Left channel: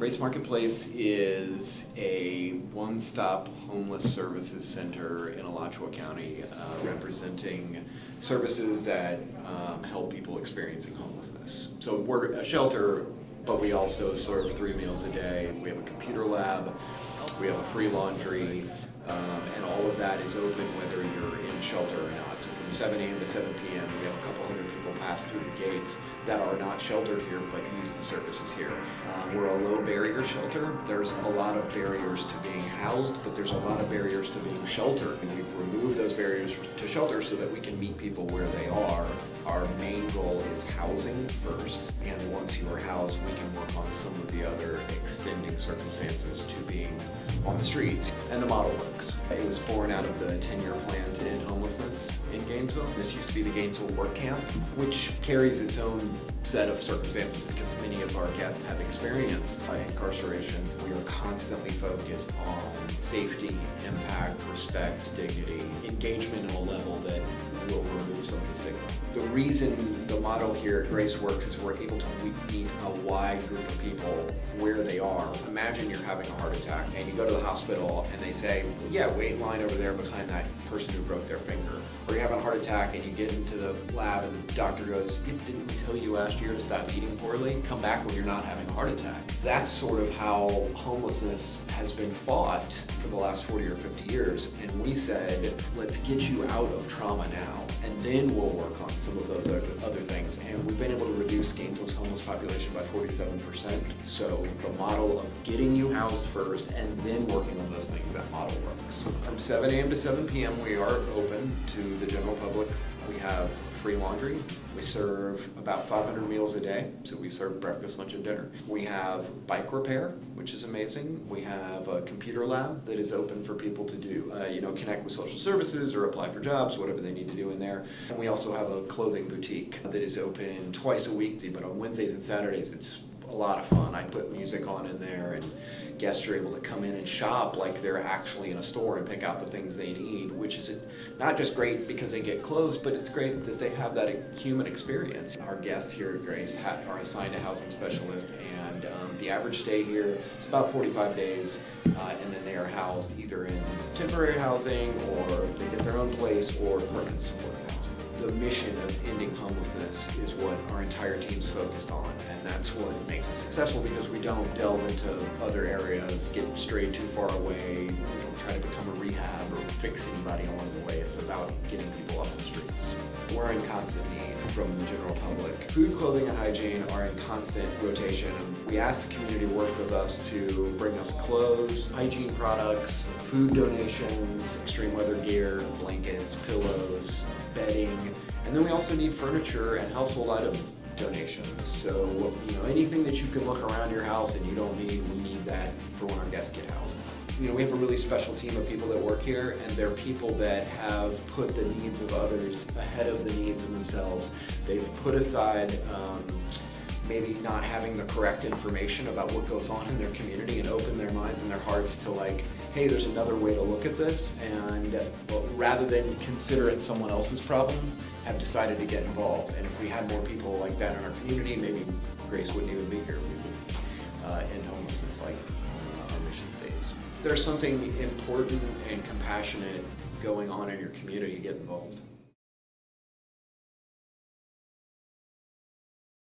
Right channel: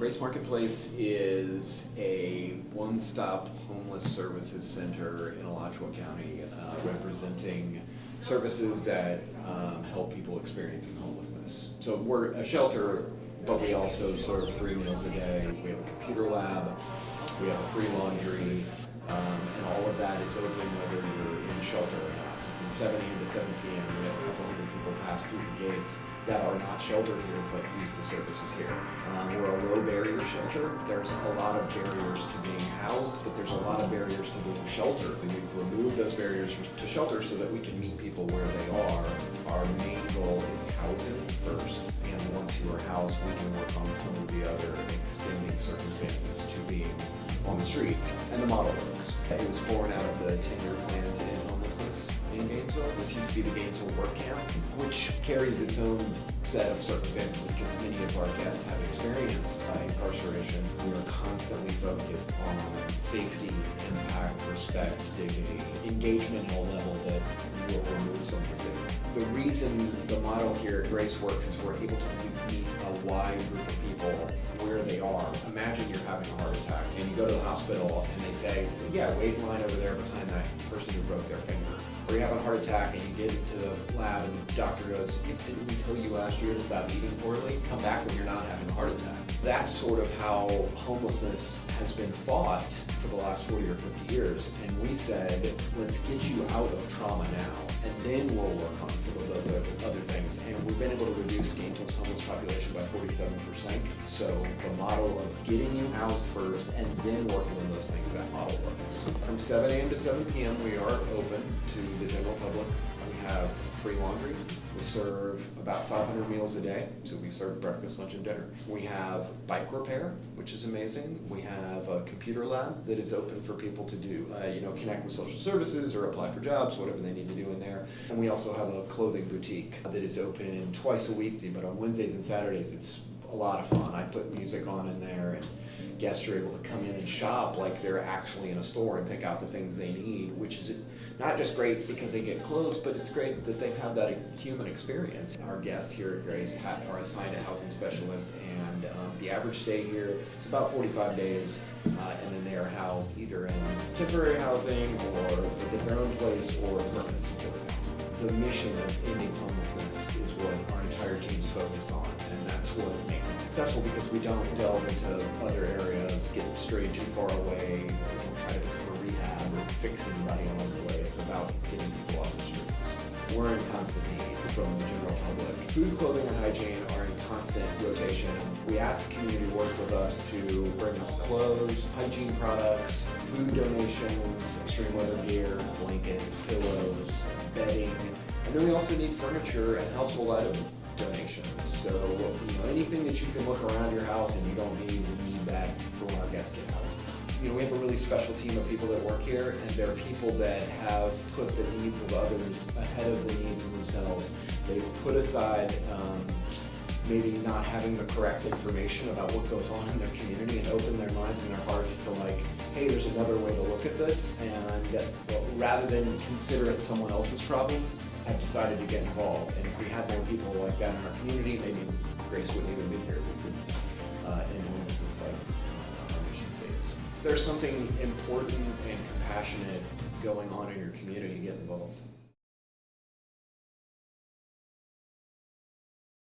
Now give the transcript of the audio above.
Grace Marketplace is a one-stop homeless services center in Alachua County, representing services that help people experiencing homelessness. So we're a shelter, but we also serve 3 meals a day. We have a computer lab, we have a free laundry, and all of that is open whether you're in shelter or not. So from 7 a.m. to 7 p.m. we have a couple hundred people pass through the gates that are not sheltered here but use the services here. We're a low barrier shelter. There's a lot of barriers to being housed, but there's a lot of barriers to being sheltered. And we've removed those barriers to shelter so that we can meet people where they are. Our main goal is housing first, and once you are housed, we can work on some of the other extending circumstances to being on the streets. And the model works. It was born out of the 10-year plan to end homelessness in Gainesville. This used to be the Gainesville Work Camp, which carries its own set of circumstances because many of our guests have experienced incarceration. We are constantly focused on safety, impact, respect, dignity, engagement at a level that will remove some of the stigma. The reason the motto here at Grace works is we're able to meet a wide group of people where they are. Imagine you're having a heart attack and you go to the hospital and they say, yeah, wait in line over there behind that person who broke their finger. Or you're having a heart attack and you get into the lab and the doctor goes, didn't we tell you last year to stop eating poorly? Come back when you're not having a heart attack. That's sort of how homelessness has been fought for the last 40 or 50 years. And we said, let's get you out of trauma now, and then we'll work on some of the other things. And we've been able to reduce Gainesville's homeless population by 47%. So the model of getting you housed first and then working on those things, that model works. From 7 a.m. to 7 p.m. we are open to the general public. We have free laundry. We serve about 500 meals a day, so we serve breakfast, lunch, and dinner. We have bike repair, which is amazing. We have a computer lab that is open for people to do, connect with social services or apply for jobs, whatever they need to do in there. And we also have a clothing boutique that is open twice a week, but on Wednesdays and Saturdays it's a lot of fun. I put music on in there and guests are able to come in and shop like they're actually in a store and pick out the things they need, which is not just great because they get clothes, but it's great that they have that human experience. Our guests here at Grace are assigned a housing specialist, and the average stay here is about 45 days, and then they are housed either in temporary housing or they get their own place or permanent support housing. The mission of ending homelessness is what our entire team's focused on, and that's what makes us successful because we don't delve into other areas, get strayed too far away, we don't try to become a rehab or fix anybody along the way. It's about getting people off the streets. We're in constant need from the general public. Food, clothing, and hygiene are in constant rotation. We ask the community to work with us to bring us clothes, hygiene products, food donations, extreme weather gear, blankets, pillows, bedding, and then we also need furniture and household item donations. So anything that you can look around your house and you don't need, we need that for when our guests get housed. We have a really special team of people that work here, and they're people that have put the needs of others ahead of the needs of themselves. They've put aside maybe not having the correct information about what goes on in their community and open their minds and their hearts to hey, there's another way to look at this, and rather than consider it someone else's problem, have decided to get involved. And if we had more people like that in our community, maybe Grace wouldn't even be here. We would end homelessness like our mission states. There's something important and compassionate going on in your community, get involved.